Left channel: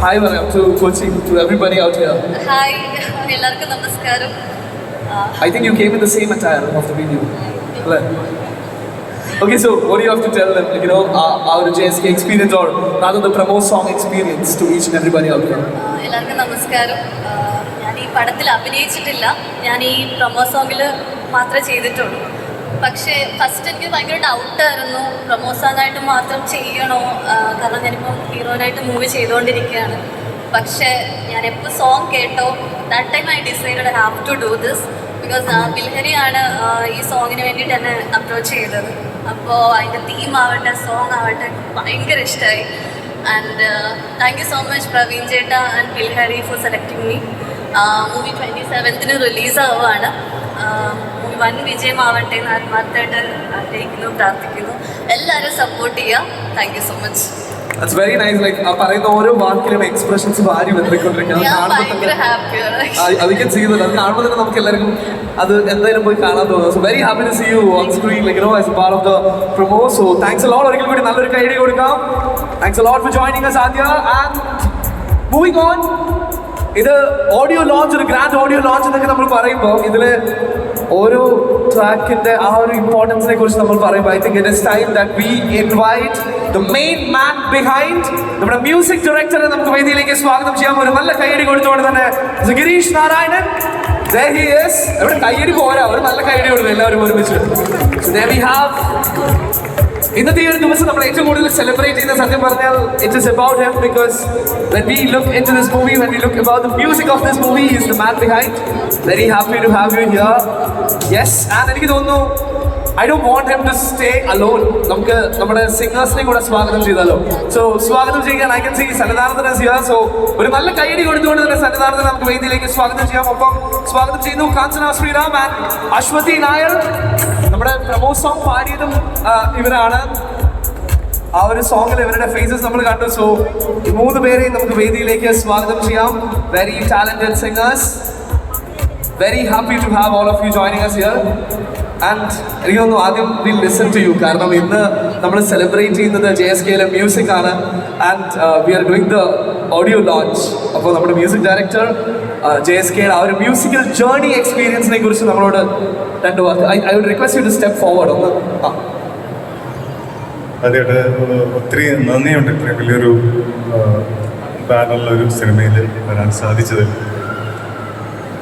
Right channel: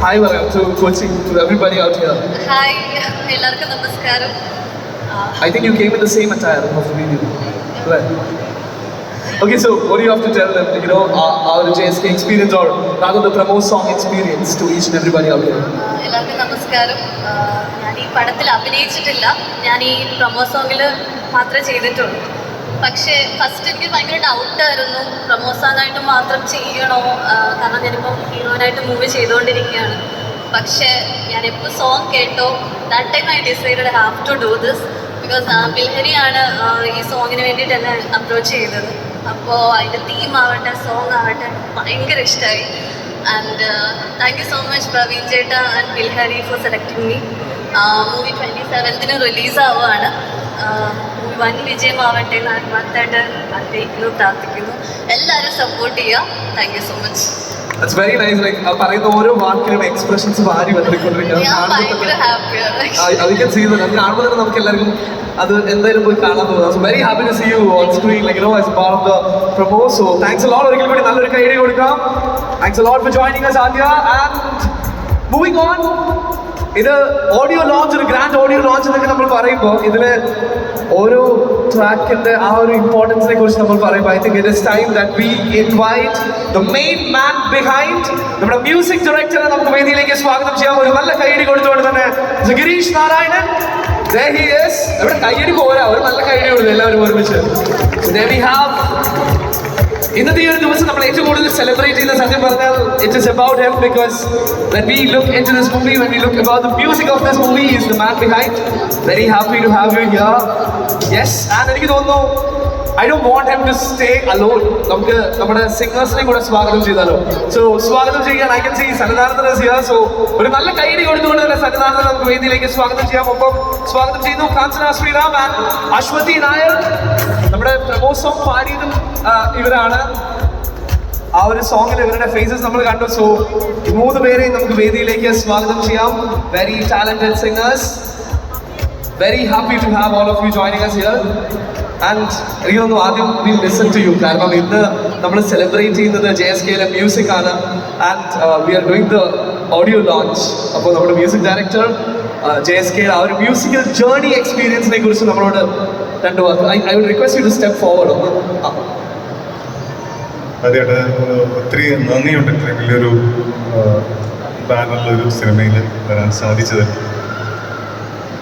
Hi, welcome to Kochi, to everybody out here. Hi, എല്ലാവർക്കും നമസ്കാരം. I think you came in the same attire of the video. Right. Okay, so what do you have to tell them, our JSK experience or rather the promo song experience to each and everybody out there? എല്ലാവർക്കും നമസ്കാരം. ഞാൻ ഈ പടത്തിൽ അഭിനയിച്ചിട്ടില്ല. ഞാൻ ഈ promo സോങ്ങിൽ മാത്രമേ ചെയ്തിട്ടുള്ളൂ. പക്ഷേ ഫസ്റ്റ് എനിക്ക് ഭയങ്കര ഡൗട്ടായിരുന്നു പ്രൊമോ സോങ്ങായിട്ട് മാത്രം ചെയ്യണോ, കാരണം ഞാനിപ്പോൾ ഹീറോയിനായിട്ട് മൂവി ചെയ്തുകൊണ്ടിരിക്കുകയാണ്. പക്ഷേ ഞാനെപ്പോൾ സോങ് കേട്ടോ that time I decided have to do this because ബിൽഹരിയാണ് ഈ സോങ്ങിന് വേണ്ടിയിട്ട് എന്നെ അപ്രോച്ച് ചെയ്തത്. അപ്പോൾ അതിൻ്റെ തീമാവട്ടെ സോങ് ആവട്ടെ ഭയങ്കര ഇഷ്ടമായി. And thank you so much Praveen ചേട്ട and Bilhari for selecting me. Movie 27th റിലീസാവുകയാണ്. വൻ വിജയമാവട്ടെ എന്ന് ആത്മാർത്ഥമായിട്ട് ആഗ്രഹിക്കുന്നു, പ്രാർത്ഥിക്കുന്നു. എല്ലാവരും സപ്പോർട്ട് ചെയ്യാം. Thank you so much. That's very nice. പറയുന്ന ഓരോ വാക്കിലും എക്സ്പ്രഷൻസ് വാരി വന്നിക്കൊണ്ടിരിക്കുന്നത് അധികം ചെയ്യുന്നത് അത് കാണുമ്പോൾ തന്നെ നമുക്ക് എല്ലാവർക്കും അത് എന്തായാലും പോയി കാണാൻ തോന്നുന്നു. So very happy to see you on screen as a part of the promo. So thanks a lot. ഒരിക്കൽ കൂടി നല്ലൊരു കൈഡി കൊടുക്കാം. Thanks a lot for joining us Aadya. And moving on, ഇത് ഓഡിയോ ലോഞ്ച്, ഒരു ഗ്രാൻഡ് ഓഡിയോ ലോഞ്ച് എന്നൊക്കെ നമ്മൾ പറയുമ്പോൾ ഇതിൽ ഓരോ ട്രാക്കിന്റെ ആ ഒരു ഇമ്പോർട്ടൻസിനെ കുറിച്ച് നമ്മൾ പറയുമ്പോൾ I think it is time that we invite the main man behind, നമ്മുടെ മ്യൂസിക് ഡയറക്ടറെ നമുക്ക് വേദിയിലേക്ക് സ്വാഗതം ചെയ്യാം. ഒരു നല്ല കൈയടി കൊടുത്തുകൊണ്ട് തന്നെ Girish Narayanan. There he is. ഇവിടെ കൈയടി പോരാ, ഒരു നല്ല കൈയടി കൊടുക്കും എല്ലാവരും ഒരുമിച്ച്. There we have. ഇന്നത്തെ ഈ ഒരു ദിവസം നമ്മൾ ഏറ്റവും കൂടുതൽ സെലിബ്രേറ്റ് ചെയ്യുന്ന സത്യം പറഞ്ഞാൽ it is about him because when we look into this movie, when we look about the music of this movie, he is the man behind. Very happy to have you here. Yes, and എനിക്ക് തോന്നുന്നു I don't want him to stay alone. നമുക്ക് നമ്മുടെ സിംഗേഴ്സിനെ കൂടെ സ്വാഗതം ചെയ്താലോ. So സ്വാഗതം ചെയ്യാൻ I can see സന്നിധാനത്തിന് is here. So ഒരു നല്ല കൈയടി കൊടുത്തുകൊണ്ട് തന്നെ സന്നിധാനത്തിന് നമുക്ക് വേദിയിലേക്ക് സ്വാഗതം ചെയ്യാം. ഒപ്പം സ്വാഗതം ചെയ്യുന്നു കാഞ്ചന ശ്രീറാം ആൻഡ് അശ്വതി നായർ. നമ്മുടെ പ്രമോ സോങ് പാടിയതും ഇവരാണ്. ആ ഒരു സോങ്ങിൽ ഇവരുടെ ഫേസസ് നമ്മൾ കണ്ടു. സോ ഈ 3 പേരെയും നമുക്ക് വേദിയിലേക്ക് സ്വാഗതം ചെയ്യാം. Very talented singers. Very happy to have all of you joining us here. And എനിക്ക് തോന്നുന്നു ആദ്യം വി ലിസൺ ടു യു, കാരണം ഇന്ന് നമ്മൾ സെലിബ്രേറ്റ് ചെയ്യുന്നത് JSKയിലെ മ്യൂസിക് ആണ്. And we are doing the audio launch. അപ്പോൾ നമ്മുടെ മ്യൂസിക് ഡയറക്ടർ JSKയുടെ ആ ഒരു മ്യൂസിക്കൽ ജേർണി എക്സ്പീരിയൻസിനെ കുറിച്ച് നമ്മളോട് രണ്ട് വാക്ക്. I would request you to step forward ഒന്ന്. അതെയായിട്ട് ഒത്തിരി നന്ദിയുണ്ട് ഇത്രയും വലിയൊരു ബാനറിലൊരു സിനിമയിൽ വരാൻ സാധിച്ചത്.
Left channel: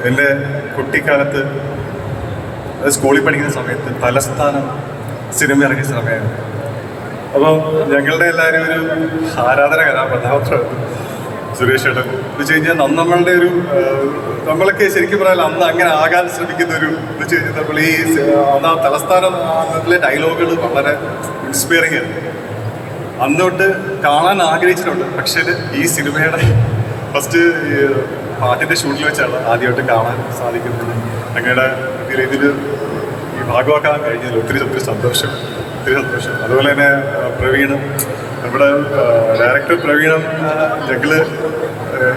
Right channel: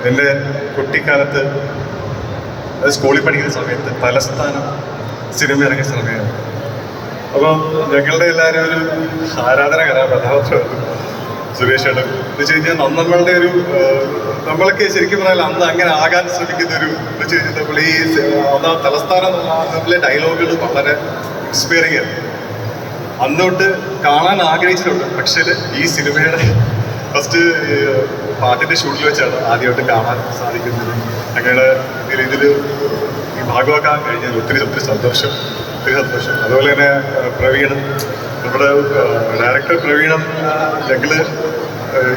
എൻ്റെ കുട്ടിക്കാലത്ത് സ്കൂളിൽ പഠിക്കുന്ന സമയത്ത് തലസ്ഥാനം സിനിമ ഇറങ്ങിയ സമയമാണ്. അപ്പോൾ ഞങ്ങളുടെ എല്ലാവരും ഒരു ആരാധന കഥാപാത്രമായിരുന്നു സുരേഷ് ഏട്ടൻ. എന്ന് വെച്ച് കഴിഞ്ഞാൽ നമ്മളുടെ ഒരു നമ്മളൊക്കെ ശരിക്കും പറഞ്ഞാൽ അന്ന് അങ്ങനെ ആകാൻ ശ്രമിക്കുന്ന ഒരു എന്ന് വെച്ച് കഴിഞ്ഞാൽ നമ്മൾ ഈ ഒന്നാം തലസ്ഥാനത്തിലെ ഡയലോഗുകൾ വളരെ ഇൻസ്പയറിംഗ് ആയിരുന്നു. അന്നോട്ട് കാണാൻ ആഗ്രഹിച്ചിട്ടുണ്ട്. പക്ഷേ ഈ സിനിമയുടെ ഫസ്റ്റ് പാട്ടിൻ്റെ ഷൂട്ടിൽ വെച്ചാണ് ആദ്യമായിട്ട് കാണാൻ സാധിക്കുന്നത്. അങ്ങനെ ഇതിൽ ഭാഗമാക്കാൻ കഴിഞ്ഞാൽ ഒത്തിരി സന്തോഷം. അതുപോലെ തന്നെ പ്രവീണും നമ്മുടെ ഡയറക്ടർ പ്രവീണും ഞങ്ങൾ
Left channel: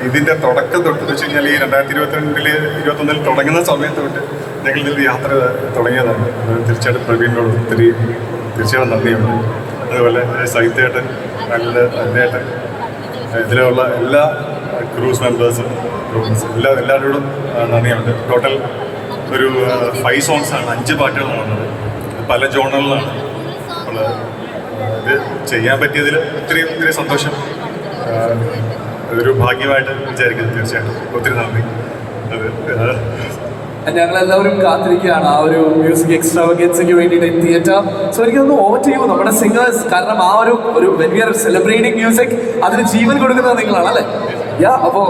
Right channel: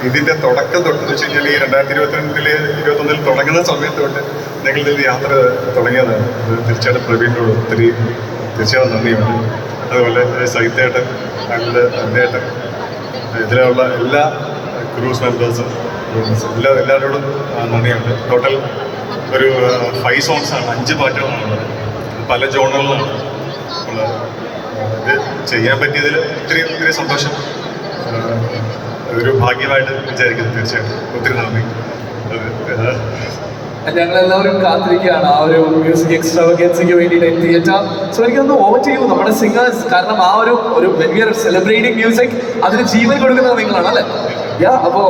ഇതിൻ്റെ തുടക്കം തൊട്ടെന്ന് വെച്ച് കഴിഞ്ഞാൽ ഈ 2021 തുടങ്ങുന്ന സമയത്ത് തൊട്ട് ഞങ്ങൾ ഇതിൽ യാത്ര തുടങ്ങിയതാണ്. തീർച്ചയായിട്ടും പ്രവീണിനോട് തീർച്ചയായിട്ടും നന്ദിയുണ്ട്. അതുപോലെ സഹിതേട്ടൻ, ഞങ്ങളുടെ അന്നേട്ടൻ, ഇതിലുള്ള എല്ലാ ക്രൂസ് മെമ്പേഴ്സും എല്ലാവരോടും നന്ദിയുണ്ട്. ടോട്ടൽ ഒരു 5 സോങ്സാണ്, 5 പാട്ടുകളാണുള്ളത്. പല ജോണറിലാണ് നമ്മൾ ഇത് ചെയ്യാൻ പറ്റിയതിൽ ഒത്തിരി സന്തോഷം. ഇതൊരു ഭാഗ്യമായിട്ട് വിചാരിക്കുന്നു. തീർച്ചയായിട്ടും ഒത്തിരി നന്ദി. ഞങ്ങളെല്ലാവരും കാത്തിരിക്കുകയാണ് ആ ഒരു മ്യൂസിക് എക്സ്ട്രാവഗൻസിക്ക് വേണ്ടിയിട്ട് തിയേറ്റർ. സോ എനിക്കൊന്ന് ഓവർ ചെയ്യൂ നമ്മുടെ സിംഗേഴ്സ്, കാരണം ആ ഒരു when we R celebrating music അതിന് ജീവൻ കൊടുക്കുന്നത് നിങ്ങളാണ് അല്ലേ? അപ്പോൾ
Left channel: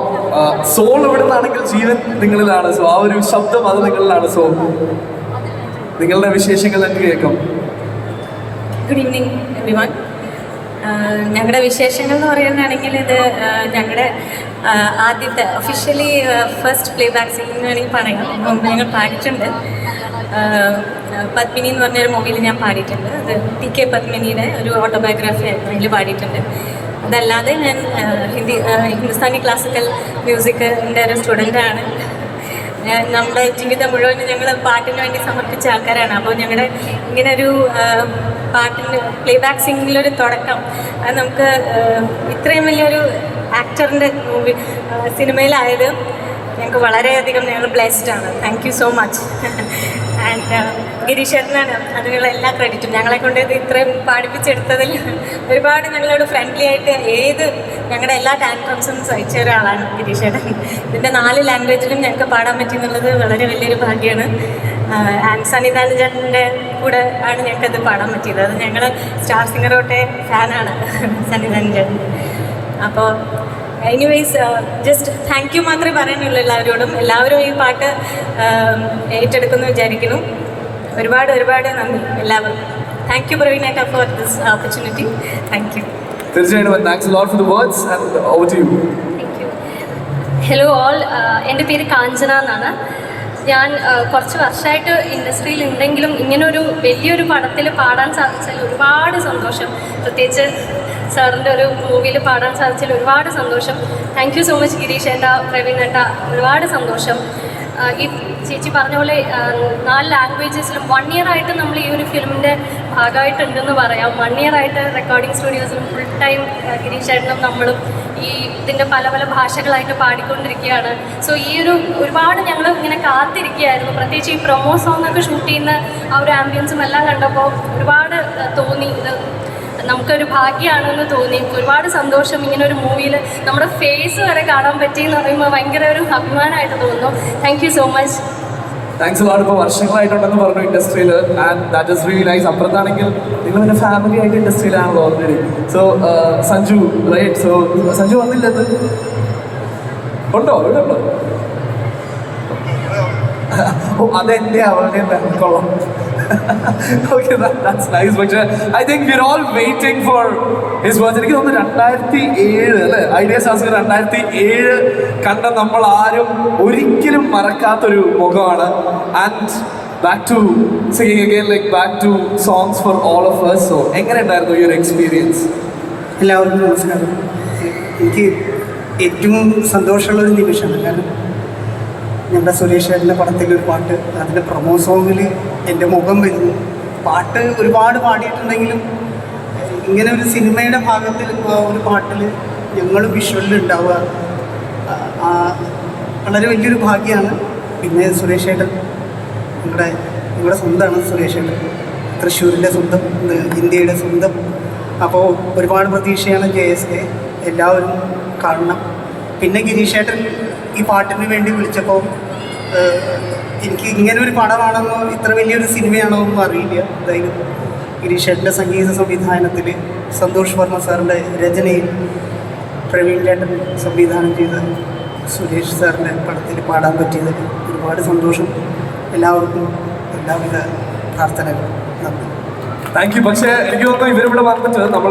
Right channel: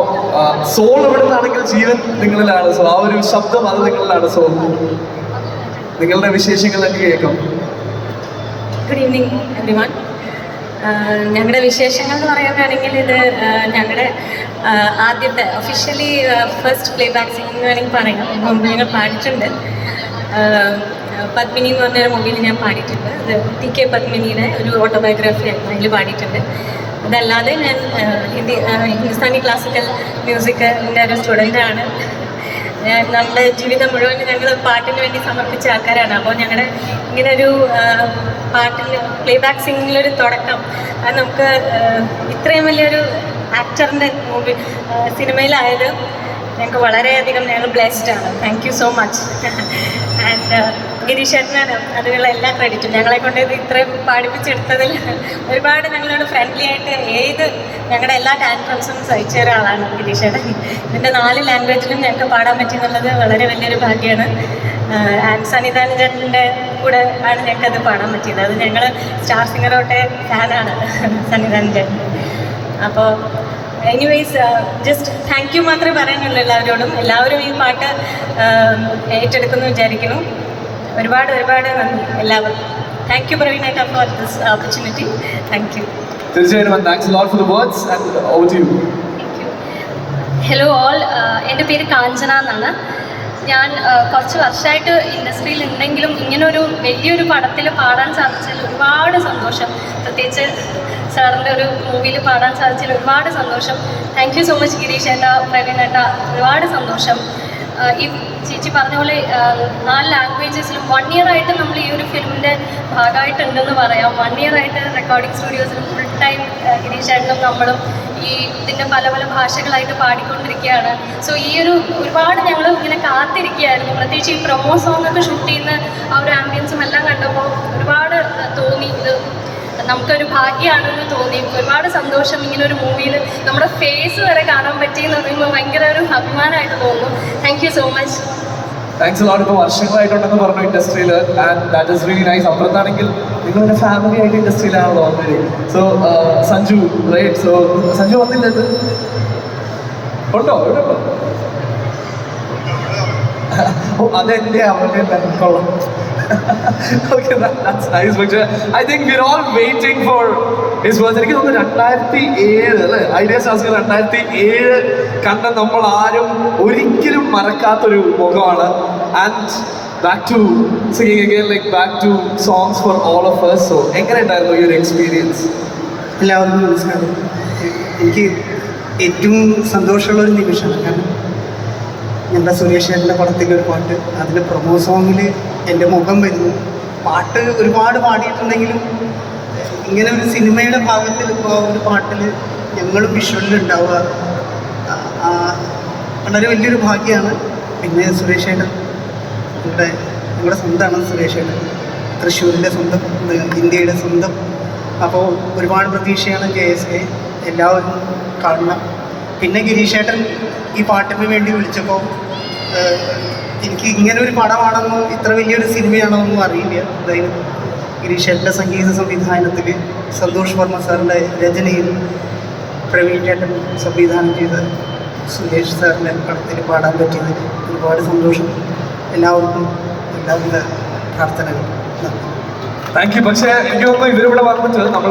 സോൾ എവിടുന്നാണെങ്കിൽ ജീവൻ നിങ്ങളിലാണ്. സോ ആ ഒരു ശബ്ദം അത് നിങ്ങളിലാണ്. സോ നിങ്ങളുടെ വിശേഷങ്ങൾ എനിക്ക് കേൾക്കാം. Good evening everyone. ഞങ്ങളുടെ വിശേഷങ്ങൾ എന്ന് പറയാനാണെങ്കിൽ ഇത് ഞങ്ങളുടെ ആദ്യത്തെ officially first play back singing വേണമെങ്കിൽ പറയാം. മുമ്പ് ഞങ്ങൾ പാടിയിട്ടുണ്ട്. പത്മിനി എന്ന് പറഞ്ഞൊരു മൂവിയിൽ ഞാൻ പാടിയിട്ടുണ്ട്. ഇത് TK പത്മിനിയുടെ ഒരു ഓട്ടോബയോഗ്രാഫി അതിൽ പാടിയിട്ടുണ്ട്. അതല്ലാതെ ഞാൻ ഹിന്ദുസ്ഥാനി ക്ലാസിക്കൽ മ്യൂസിക്കിൻ്റെ ഒരു സ്റ്റുഡൻ്റാണ്. നമ്മുടെ ജീവിതം മുഴുവൻ ഞങ്ങൾ പാട്ടിന് വേണ്ടി സമർപ്പിച്ച ആൾക്കാരാണ്. അപ്പോൾ ഞങ്ങളുടെ ഇങ്ങനൊരു പാട്ടിന് പ്ലേ ബാക്ക് സിംഗിലൊരു തുടക്കം അത് നമുക്ക് ഇത്രയും വലിയൊരു ആക്ടറിൻ്റെ മൂവി സിനിമയിലായത് ഞങ്ങൾക്ക് വളരെയധികം ഞങ്ങൾ ബ്ലെസ്ഡ് ആണ്. Thank you so much. And ഗിരീഷേട്ടനാണ് അതിനുള്ള എല്ലാ ക്രെഡിറ്റും. ഞങ്ങളെ കൊണ്ട് ഇത് ഇത്രയും പാടിപ്പിച്ചെടുത്തതിൽ ഒരുപാട് ഞങ്ങളോട് ഫ്രണ്ട്ലി ആയിട്ട് ഞങ്ങളുടെ എല്ലാ ടാലൻസും സഹിച്ച ഒരാളാണ് ഗിരീഷേട്ടൻ. ഇതിൻ്റെ 4 ലാംഗ്വേജിലും ഞങ്ങൾക്ക് പാടാൻ പറ്റുന്നുള്ളത് വളരെ വലിയൊരു ഭാഗ്യമാണ്. ആൻഡ് സന്നിധാനചേട്ടൻ്റെ കൂടെ ആണ് ഞങ്ങൾക്കത് പാടാൻ പറ്റിയത്. അത് ഞങ്ങൾ സ്റ്റാർ സിംഗറോട്ടെ ഫാനാണ് സന്നിധാനചേട്ടൻ. അപ്പോൾ എനിവേയ്സ് ജസ്റ്റ് താങ്ക് യു മാത്രമേ പറയാനുള്ളൂ എല്ലാവരോടും. എല്ലാവരും ഈ പാട്ട് ഏറ്റെടുക്കുമെന്ന് വിചാരിക്കുന്നു. ഒരുപാട് നന്ദി എല്ലാവരും. താങ്ക് യു പ്രവീണേട്ട for this opportunity. Thank you. തീർച്ചയായിട്ടും thanks lot for the words and over to you. Thank you. Hello all, എൻ്റെ പേര് കാഞ്ചന എന്നാണ്. ഞാൻ കുറച്ച് വർഷമായിട്ട് ഇൻഡസ്ട്രിയിൽ ഉണ്ടെങ്കിലും ഇങ്ങനൊരു വലിയൊരു പടത്തിൽ പാടാൻ സാധിച്ചതിൽ ഒരുപാട് സന്തോഷം. പ്രത്യേകിച്ച് സാറിൻ്റെ ഒരു മൂവിയിൽ പാടാൻ സാധിച്ചതിൽ ഒരുപാട് സന്തോഷം. Thank you so much Girish ഏട്ടാ, പ്രവീൺ ഏട്ടാ, ഒരുപാട് സന്തോഷം. ഈ ചേച്ചി പറഞ്ഞ പോലെ 4 ലാംഗ്വേജസിലും 1 ഇയർ ആയിട്ട് നമ്മൾ ഈ ഒരു ഫിലിമിൻ്റെ ഭാഗമായിട്ടുണ്ടെന്ന് പറയാം. 1 ഇയർ ആയിട്ട് റെക്കോർഡിംഗ് സ്റ്റുഡിയോസിലും ഫുൾ ടൈം ഗിരീഷ് ഏട്ടനും നമ്മളും ഈ ഇതിൻ്റെ പല ഭാഷകളായിട്ട് പാടിക്കൊണ്ടിരിക്കുകയാണ്. സോ ഈ ഒരുപാട് ഞങ്ങൾ ഇങ്ങനെ കാത്തിരിക്കുകയായിരുന്നു. പ്രത്യേകിച്ച് ഈ പ്രൊമോ സോങ്ങൊക്കെ ഷൂട്ട് ചെയ്യുന്ന ആ ഒരു ആംബിയൻസും എല്ലാം കണ്ടപ്പോൾ ഒരുപാട് തോന്നി, ഇത് നമുക്കൊരു ഭാഗ്യമാണെന്ന് തോന്നി. ഒരുപാട് സന്തോഷം. ഇങ്ങനെ ഒരു മൂവിയിൽ നമ്മുടെ ഫേസ് വരെ കാണാൻ പറ്റിയെന്ന് പറയുമ്പോൾ ഭയങ്കര ഒരു അഭിമാനമായിട്ട് തോന്നുന്നു. Thank you so much. Thanks lot. ഇപ്പോൾ വർഷങ്ങളായിട്ടുണ്ടെന്ന് പറഞ്ഞു ഇൻഡസ്ട്രിയിൽ, and that is really nice. അപ്പുറത്താണെങ്കിൽ നിങ്ങളൊരു ഫാമിലി ആയിട്ട് ഇൻഡസ്ട്രിയിലാണല്ലോ already. So Sanju right, so Sanju വന്നില്ലത് ഉണ്ടോ? ഇവിടെ ഉണ്ടോ? ഓ അതെൻ്റെ അവരുടെ കൊള്ളാം. Okay, that's nice. പക്ഷേ I think we're all waiting for his birthday. എനിക്ക് തോന്നുന്നു 2007 അല്ലേ ഐഡിയ ശാസ്ത്രി 2007 കണ്ട നമ്മൾ ആരും ഒരിക്കലും മറക്കാത്തൊരു മുഖമാണ്. And back to singing again, like back to songs for all of us. So എങ്ങനെ ഉണ്ടായിരുന്നു ഈ ഒരു എക്സ്പീരിയൻസ്? എല്ലാവർക്കും നമസ്കാരം. എനിക്ക് ഏറ്റവും സന്തോഷമുള്ളൊരു നിമിഷമാണ്. കാരണം ഞങ്ങളുടെ സുരേഷ് ചേട്ടൻ്റെ പടത്തിലൊരു പാട്ട്, അതിൻ്റെ പ്രൊമോ സോങ്ങിൽ എൻ്റെ മുഖം വരുന്നു. പാട്ട് ഒരുപാട് പാടിയിട്ടുണ്ടെങ്കിലും ഇങ്ങനെ ഒരു സിനിമയുടെ ഭാഗത്തിൽ ഇപ്പോൾ ഒരു പാട്ടിൽ ഞങ്ങൾ വിഷ്വലിൽ ഉണ്ടാവുക വളരെ വലിയൊരു ഭാഗ്യമാണ്. പിന്നെ സുരേഷ് ചേട്ടൻ ഞങ്ങളുടെ സ്വന്തമാണ്. സുരേഷ് ചേട്ടൻ തൃശ്ശൂരിൻ്റെ സ്വന്തം, ഇന്ത്യയുടെ സ്വന്തം. അപ്പോൾ ഒരുപാട് പ്രതീക്ഷയാണ് JSK. എല്ലാവരും കാണണം. പിന്നെ ഗിരീഷ് ചേട്ടൻ ഈ പാട്ടിന് വേണ്ടി വിളിച്ചപ്പോൾ എനിക്ക് ഇങ്ങനെ ഒരു പടമാണെന്നോ ഇത്ര വലിയൊരു സിനിമയാണോ ഒന്നും അറിയില്ല. അതായത് ഗിരീഷ് ചേട്ടൻ്റെ സംഗീത സംവിധാനത്തിൽ, സന്തോഷ് വർമ്മ സാറിൻ്റെ രചനയിൽ, പ്രവീൺ ചേട്ടൻ സംവിധാനം ചെയ്ത സുരേഷ് സാറിൻ്റെ പടത്തിൽ പാടാൻ പറ്റിയത് ഒരുപാട് സന്തോഷം. എല്ലാവർക്കും എല്ലാവിധ പ്രാർത്ഥനകളും. നന്ദി. Thank you. പക്ഷേ എനിക്ക് തോന്നുന്നു ഇവരിവിടെ വന്നിട്ട് നമ്മൾ